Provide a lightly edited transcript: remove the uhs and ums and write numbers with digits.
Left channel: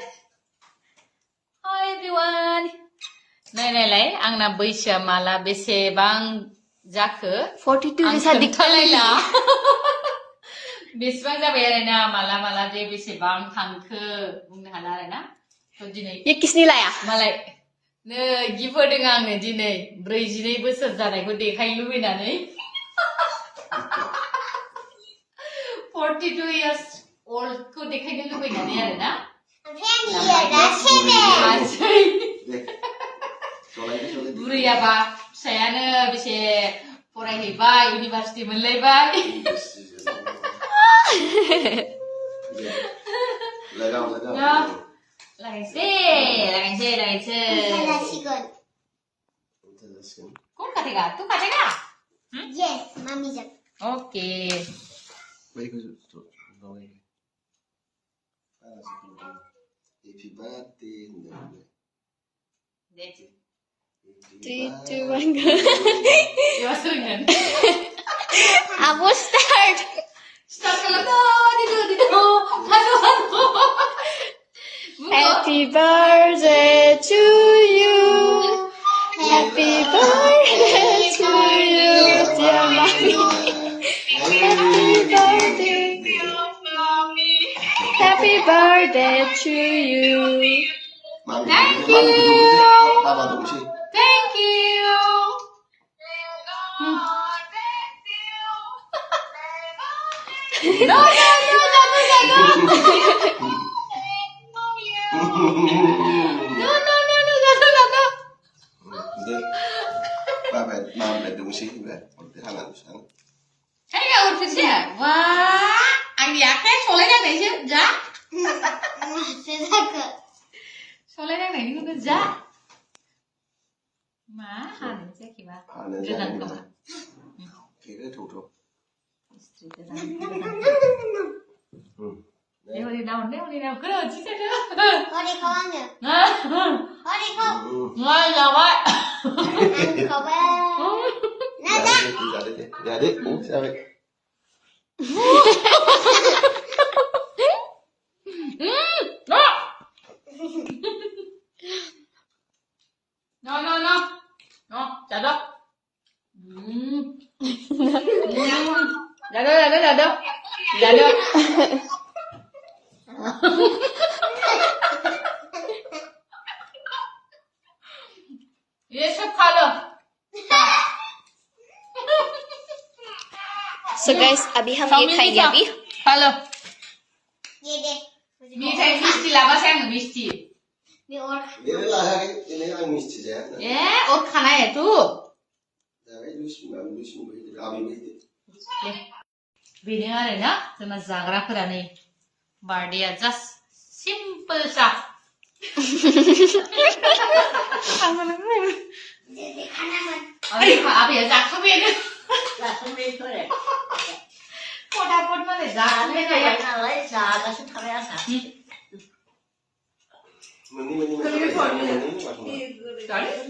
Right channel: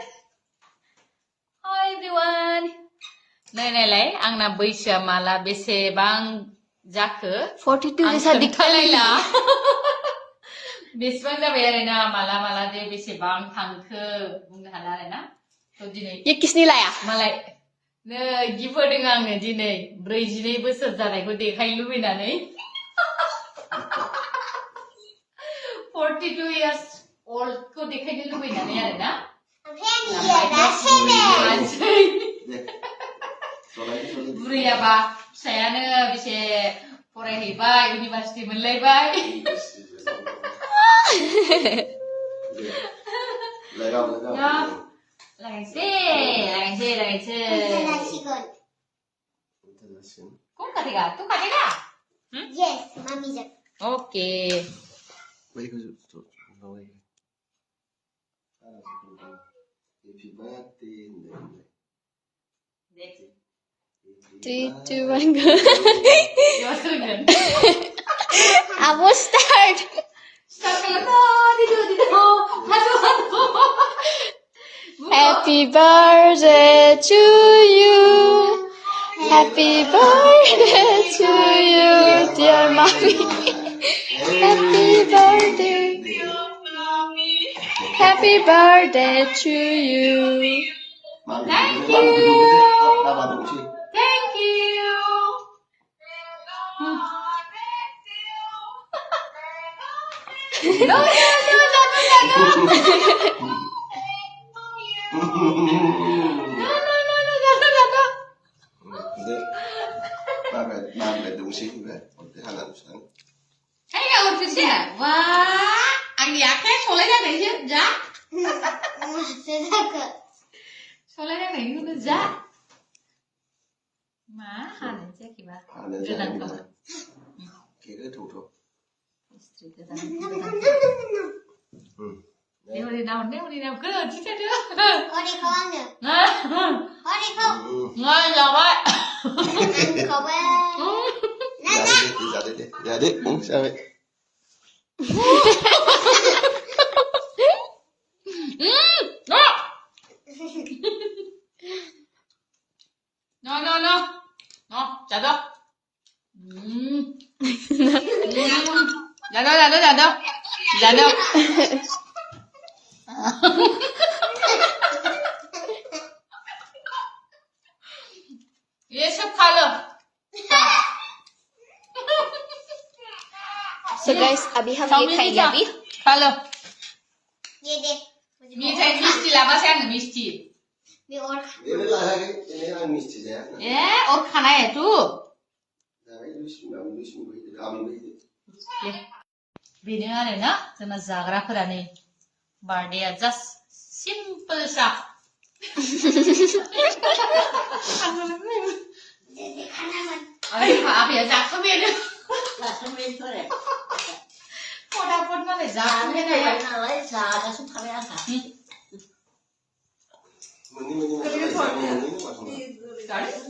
Hi everyone. नायनायलाय आंना बैसोआ माला बेसेबां जाखो 42 जैसा दिखता है खोन्थालायला बेसेबां जाबाय आरोना माला माला जे बेसेबां थांखो बुंनो हाला आरोना थ' दिनै ये किसने लाया मालाय नै गिफ्ट होदों आङो दिनै 42 बोसोर जानायखौ देखायनो लुबैनानै 42 years old खौ देखायनो लुबैनानै आरोना बुरैयाबा फिसायानो बेसे फरायहैबाय इउनिभार्सिटि मोनलायबाय लागायनोसै कौन काटेगा तू काटेगा Yes, mommy just. Okay Happy birthday. देख 3, 2, 1 go Your turn. I will start Start ka lang to. Dito. Halo. Happy birthday to you Happy birthday to you dear mommy Happy birthday Happy birthday to you Thank you. Thank you. No, jatuh. Ba mẹ đúng xí vậy, còn cái hàng làm sáng. Hey, gak urut ya? Wah, ang diake soalnya yang sih, ja. Soalnya yang ini udah ja. Mahal sih kiba. Genang kamu. Cái thủ thuộc. Istri kita. Dia mau di daun, kerja sih dia. Có đi con nữa. Có đi không? Ngon rồi vậy. Ăn có bé. Dạ đi, sao vậy? No, jatuh. Jatuh. ये सब खा लो So guys अभी हम ये खाएंगे अभी खा लो Đi đi. मिठाई मिष्टी लाबा से मिष्टी Đi ôn. Thế là cái này ăn mít chỉ thế. ये और खाना है तू Dạ cái Lucy bây giờ abi bây giờ. बेनो आरोना जोंना जाग्राफोरा नै बार्थडेआ जास्ट सिम्पोल सा Đi đi खाना मन. अरे आबैया जाखांबायानो फटाफट मालाय जाखांबाय नालाय Mani mani mani.